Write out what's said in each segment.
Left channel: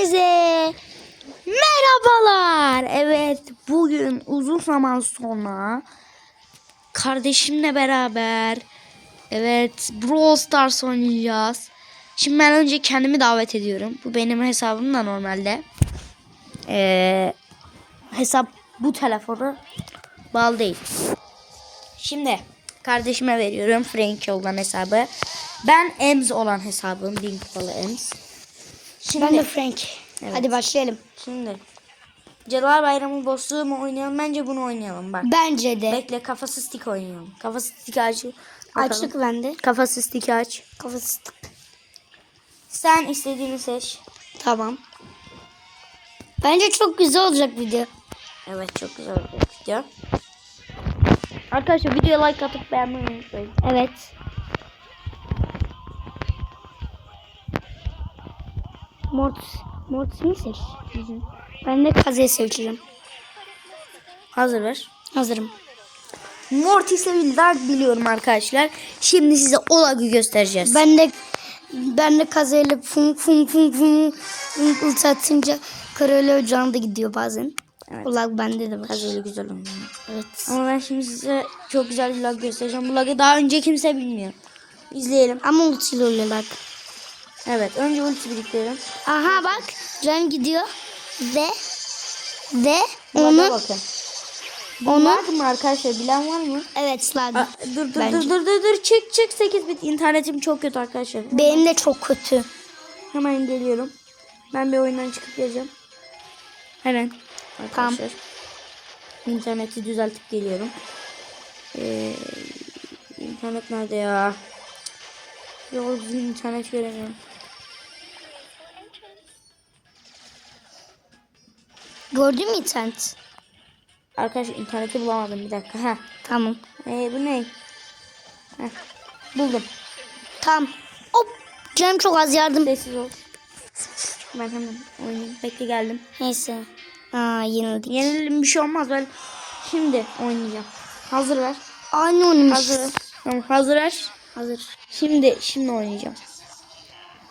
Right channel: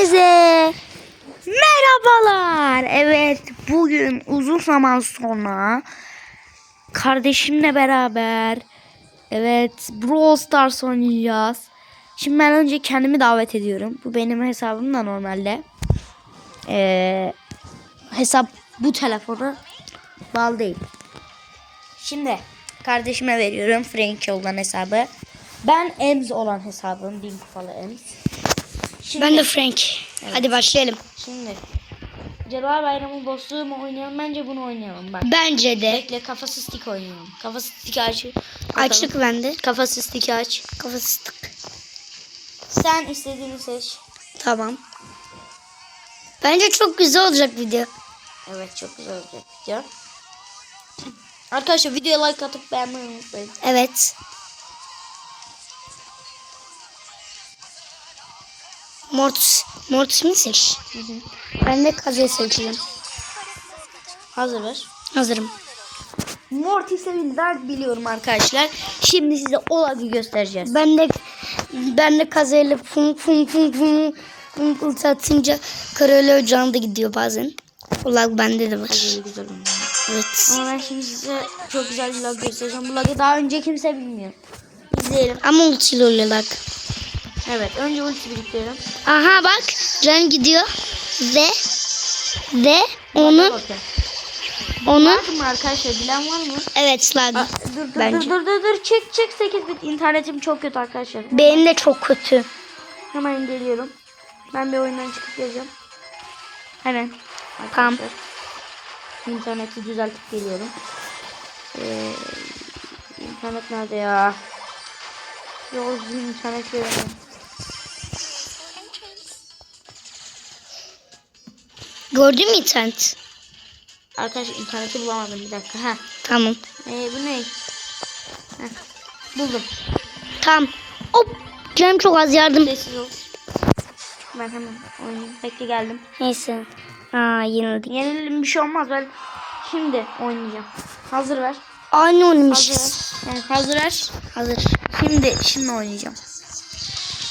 Hepinize merhabalar. Evet bugün uzun zaman sonra kardeşimle beraber evet Brawl Stars oynayacağız. Şimdi ben önce kendimi davet ediyorum. Bu benim hesabım da normalde. Ee, hesap bu telefonu bağlı değil. Şimdi kardeşime veriyorum Frank olan hesabı. Ben Ems olan hesabım. Bin kupalı Ems. Şimdi, Ben de Frank. Hadi başlayalım. Şimdi Cadılar Bayramı boss'u mu oynayalım? Bence bunu oynayalım bak. Bence de. Bekle kafası stick oynayalım. Kafası stick aç. Açlık bende. Kafası stick aç. Kafası tık. Sen istediğini seç. Tamam. Bence çok güzel olacak video. Evet çok güzel olacak video. Arkadaşlar videoya like atıp beğenmeyi unutmayın. Evet. Mortis. Mortis mi seç? Ben de Kazı'yı seçeceğim. Hazır ver. Hazırım. Mortis'e bildiler biliyorum arkadaşlar. Şimdi size o lagı göstereceğiz. Ben de ben de Kazı'yla fum fum fum fum fum ulti atınca Karayla ocağında gidiyor bazen. O lag bende de var. Böyle güzel oynuyor. Evet. Ama ben şimdi size çok güzel bir lag göstereceğim. Bu lagı daha önce kimse bilmiyor. İzleyelim. Ama ultiyle oluyor lag. Evet önce ulti biriktirelim. Aha bak can gidiyor ve ve onu bakın. onu mı arkadaşlar bilen var mı? evet. Aa, dur dur Bence. dur dur dur dur çık çık 8 bit internetim çok kötü arkadaşlar. Benim de çok kötü. Hemen geliyorum. Ben bir oyundan çıkıp geleceğim. Hemen. Tamam. Arkadaşlar. İnterneti düzeltip geliyorum. Ee, internet nerede ya? Yolcu internet göremiyorum. Gördün mü internet? Arkadaşlar interneti bulamadım bir dakika. Heh. Tamam. Ee, bu ne? Heh. Buldum. Tamam. Hop. Canım çok az yardım. Sessiz ol. Ben hemen oynayayım. Bekle geldim. Neyse. Aa yenildik. Yenilelim bir şey olmaz. Ben şimdi oynayacağım. Hazır ver. Aynı Hazır. oynamışız. Yani hazır ver. Hazır. Şimdi şimdi oynayacağım.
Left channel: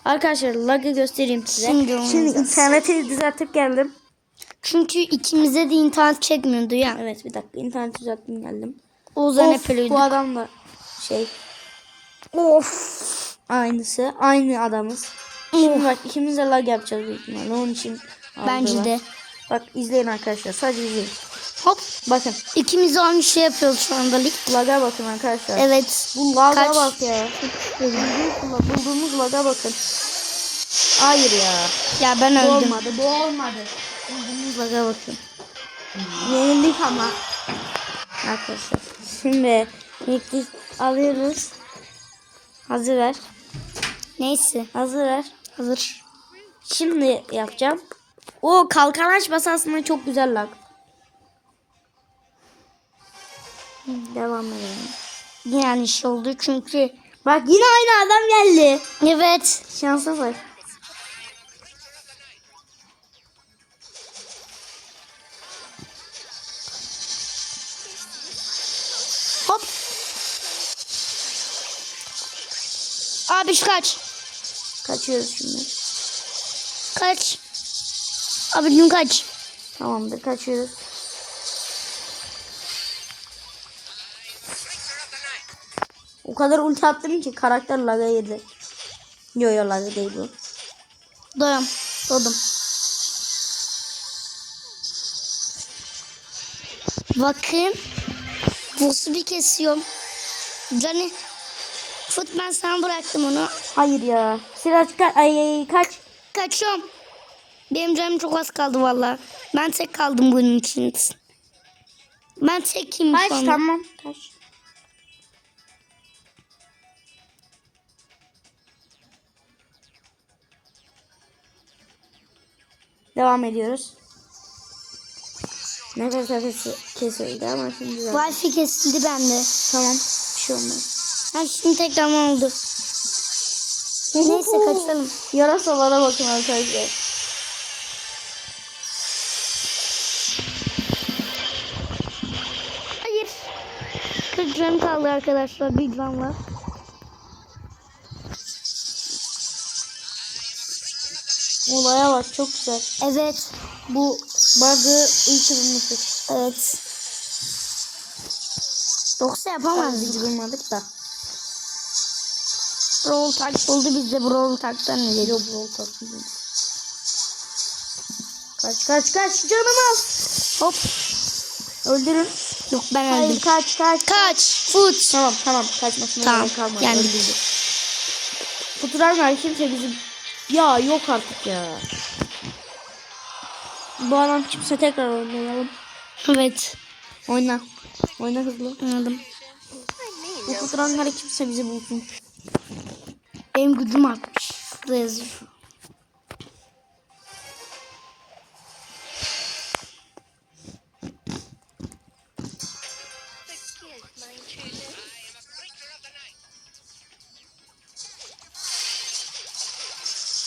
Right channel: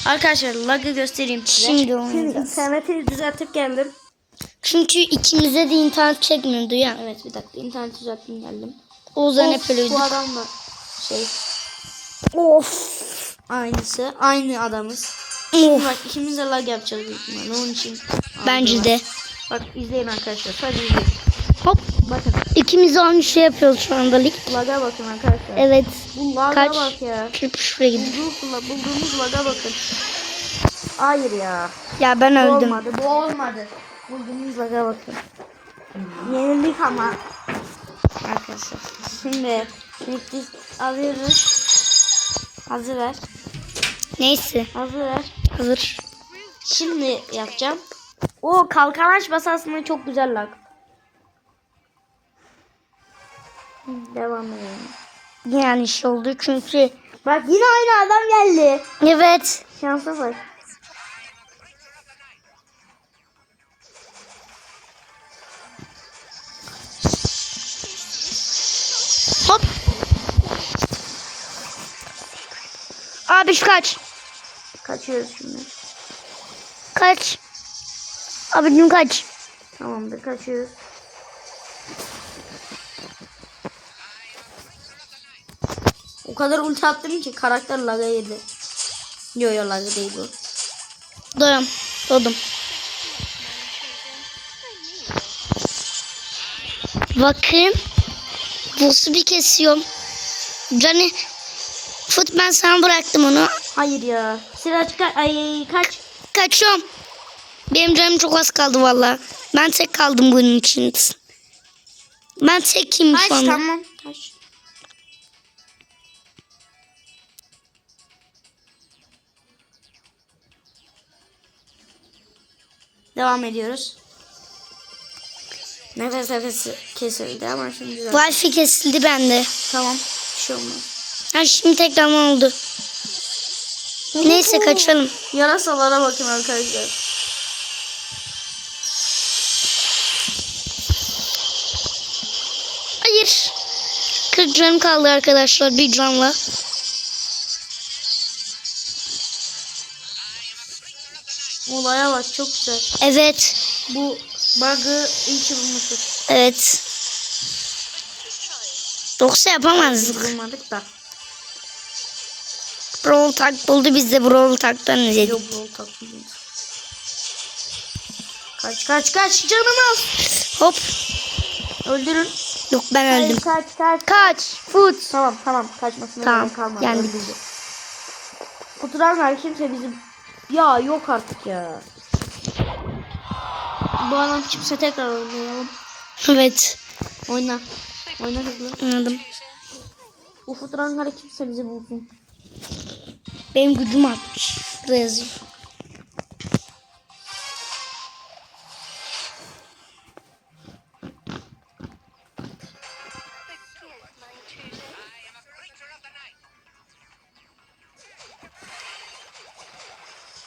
Arkadaşlar lag'ı göstereyim size. Şimdi Şimdi oynayacağız. interneti düzeltip geldim. Çünkü ikimize de internet çekmiyordu ya. Evet bir dakika interneti düzelttim geldim. O yüzden Of, hep öyleydik. Bu adam da şey Of. aynısı. Aynı adamız. Şimdi bak ikimiz de lag yapacağız büyük ihtimalle. Onun için Bence de. Bak izleyin arkadaşlar. Sadece izleyin. Hop. Bakın. İkimiz de aynı şey yapıyoruz şu anda lig. Laga bakın arkadaşlar. Evet. Bu laga Kaç? bak ya. Bulduğumuz, bulduğumuz laga bakın. Hayır ya. Ya ben Bu öldüm. olmadı. Bu olmadı. Laga bakın. Yenildik ama. Arkadaşlar. Şimdi bitti. Alıyoruz. Hazır ver. Neyse. Hazır ver. Hazır. Şimdi yapacağım. O kalkan açması aslında çok güzel lag. Devam edelim. Yani şey oldu çünkü. Bak yine aynı adam geldi. Evet. Şansa bak. Abi şu kaç. Kaçıyoruz şimdi. Kaç. Abicim kaç. Tamamdır kaçıyoruz. O kadar ulti attım ki karakter laga yedi. Yo yo laga değil bu. Doyum. Doydum. Bakın. Boss'u bir kesiyorum. Cani. Fut ben sana bıraktım onu. Hayır ya. Silah çıkar. Ay, ay kaç. Kaçıyorum. Benim canım çok az kaldı valla. Ben tek kaldım bunun için. Ben tekim Kaç şu anda. tamam. Kaç. Devam ediyoruz. Nefes nefes kesildi ama şimdi. Wi-Fi kesildi bende. Tamam. Bir şey olmaz. Ha şimdi tekrardan oldu. Neyse kaçalım. Yarasalara bakın arkadaşlar. Hayır. 40 can kaldı arkadaşlar bir canla. Olaya bak çok güzel. Evet. Bu bug'ı ki bulmuşuz. Evet. Yoksa yapamazdık. Bulmadık da. Brawl Tag buldu biz de Brawl Tag'dan izledik. Yok bro takmıyorum. Kaç kaç kaç canım az. Hop. Öldürün. Yok ben öldüm. Kaç kaç. Kaç. Foot. Tamam tamam kaçmasına Tamam, yendik. Öldürdü. Kutular kimse bizim... Ya yok artık ya. Bu adam kimse tekrar oynayalım. Evet. Oyna. Oyna hızlı. Anladım. Bu kuturanları kimse bizi bulsun. Benim gücüm artmış. Burada yazıyor.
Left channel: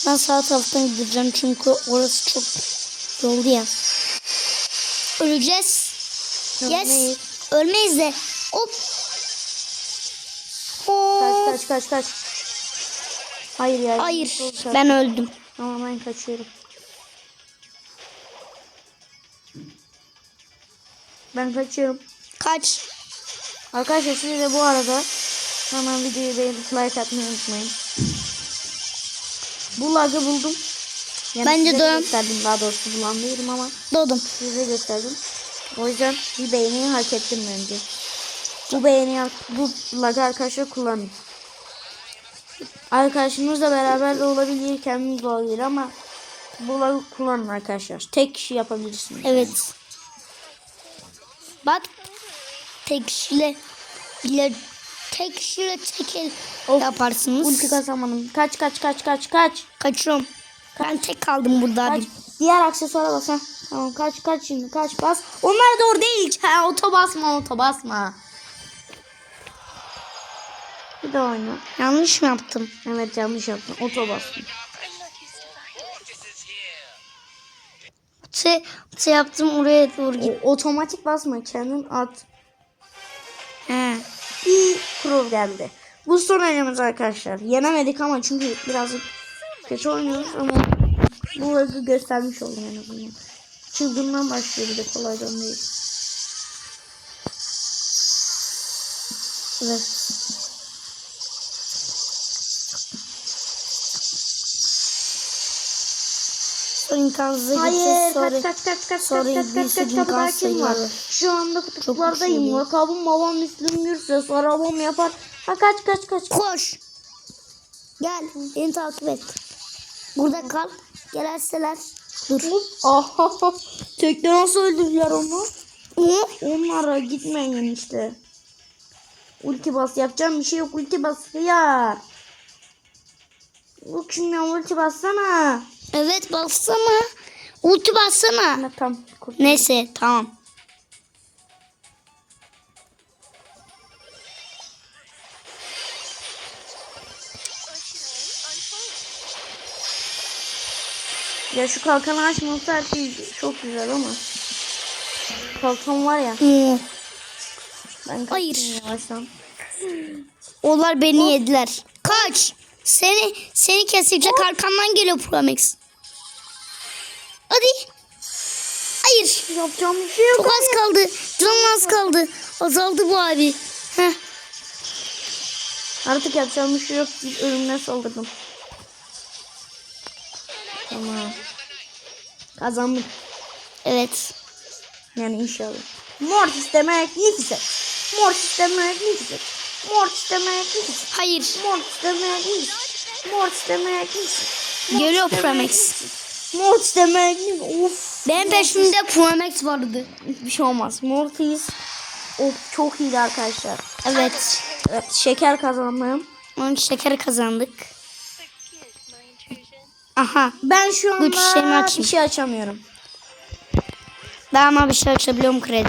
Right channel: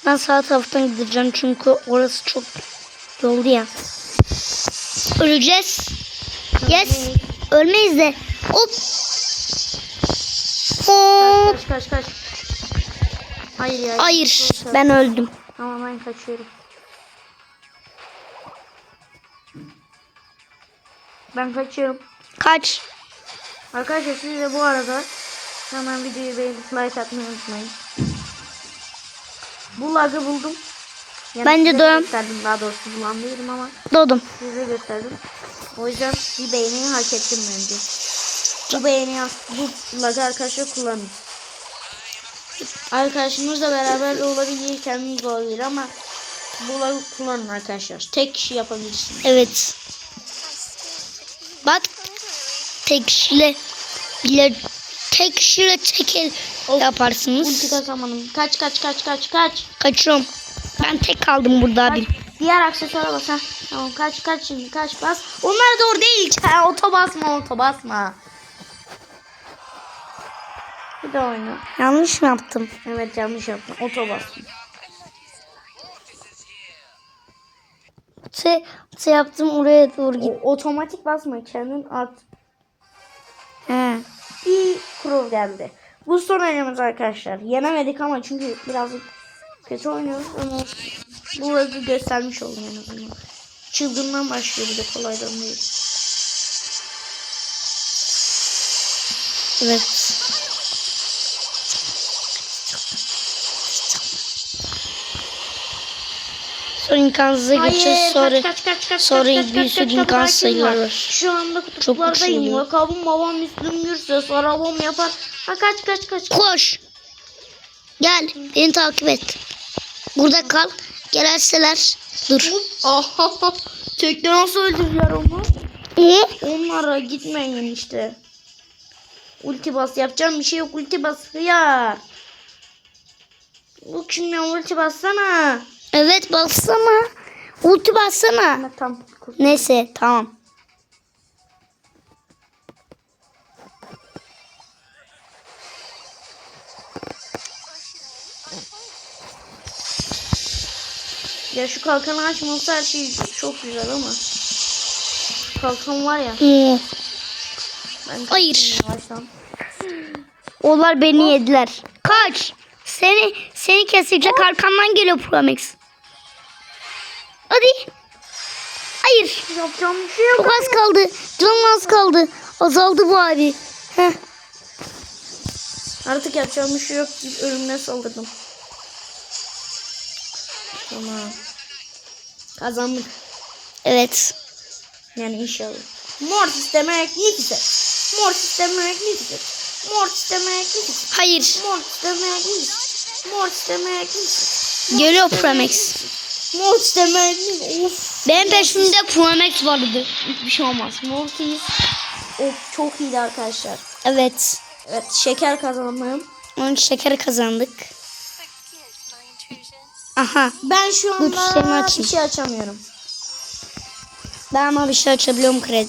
Ben sağ taraftan gideceğim çünkü orası çok yoldu ya. Öleceğiz. Yes. Ölmeyiz de. Hop. Hop. Kaç kaç kaç. Hayır ya. Hayır. Ver. Ben öldüm. Tamam ben kaçıyorum. Ben kaçıyorum. Kaç. Arkadaşlar siz de bu arada hemen videoyu beğenip like atmayı unutmayın. Bu lagı buldum. Yani Bence de. gösterdim daha doğrusu bulamıyorum ama Doğdum. size gösterdim. O yüzden bir beğeniyi hak ettim bence. Bu beğeni bu lagı arkadaşlar kullanın. Arkadaşımızla beraber olabilir, kendiniz de olabilir ama bu lagı kullanın arkadaşlar. Tek kişi yapabilirsiniz. Evet. Bak tek kişiyle bile tek kişiyle çekel yaparsınız. Ulti kazanmadım. Kaç kaç kaç kaç kaç. Kaçıyorum. Ben tek kaldım burada Kaç. abi. Diğer aksesuara bas ha. Tamam kaç kaç şimdi kaç bas. Onlar doğru değil. Oto basma oto basma. Bir de oyna. Yanlış mı yaptım? Evet yanlış yaptım. Oto bastım. Te, te yaptım oraya doğru git. O, otomatik basma kendin at. He. Bir pro geldi. Bu son oyunumuz arkadaşlar. Yenemedik ama çünkü birazcık kötü oynuyoruz. Ama bu arada göstermiş oldum en azından. Çılgından başlıyor bir de kolaydan değil. Evet. Sonra imkansıza geçeceğiz. Sonra kaç, kaç, kaç, sonra kaç, bir sürü kaç, imkan kaç, kaç, sayıları var. Şu anda kutuplardayım. Lakabım babam Müslüm Gürses. Arabam yapar. Ha kaç kaç kaç. koş. Gel beni takip et. Burada kal. Gelerseler dur. Aha. Tekne nasıl öldürdüler onu? Ne? Onlara gitmeyin işte. Ulti bas. Yapacağım bir şey yok. Ulti bas ya. Bu kim ya? Ulti bassana. Evet bassana. Ulti bassana. Ne tam. Neyse tamam. Ya şu kalkanı açması her şey çok güzel ama. Kalkan var ya. Ben Hayır. Onlar beni yediler. Kaç. Seni seni kesecek arkandan geliyor Promex. Hadi. Hayır. Yapacağım bir şey yok. Çok az kaldı. Canın az kaldı. Azaldı bu abi. Heh. Artık yapacağım bir şey yok. Bir Ölümüne saldırdım. Tamam. Kazandım. Evet. Yani inşallah. Mortis demek ne güzel. Mortis demek ne güzel. Mortis demek ne güzel. Hayır. Mortis demek ne güzel. Mortis demek ne güzel. Geliyor Promex. Mortis demek. Of. Benim peşimde Promex vardı. Hiçbir şey olmaz. Mortis. Of çok iyiydi arkadaşlar. Evet. Evet, şeker kazandım. Onun şekeri kazandık. Aha. Ben şu anda açayım. bir şey açamıyorum. Ben ama bir şey açabiliyorum kredi.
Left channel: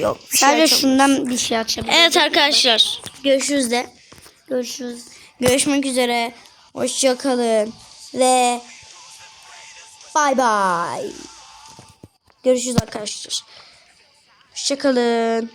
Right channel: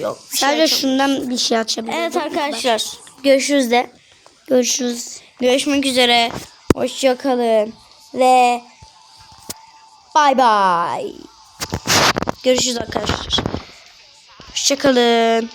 Yok. bir şey Sadece açamıyorum. şundan bir şey açabiliyorum. Evet arkadaşlar. Görüşürüz de. Görüşürüz. Görüşmek üzere. Hoşça kalın. Ve bay bay. Görüşürüz arkadaşlar. Hoşça kalın.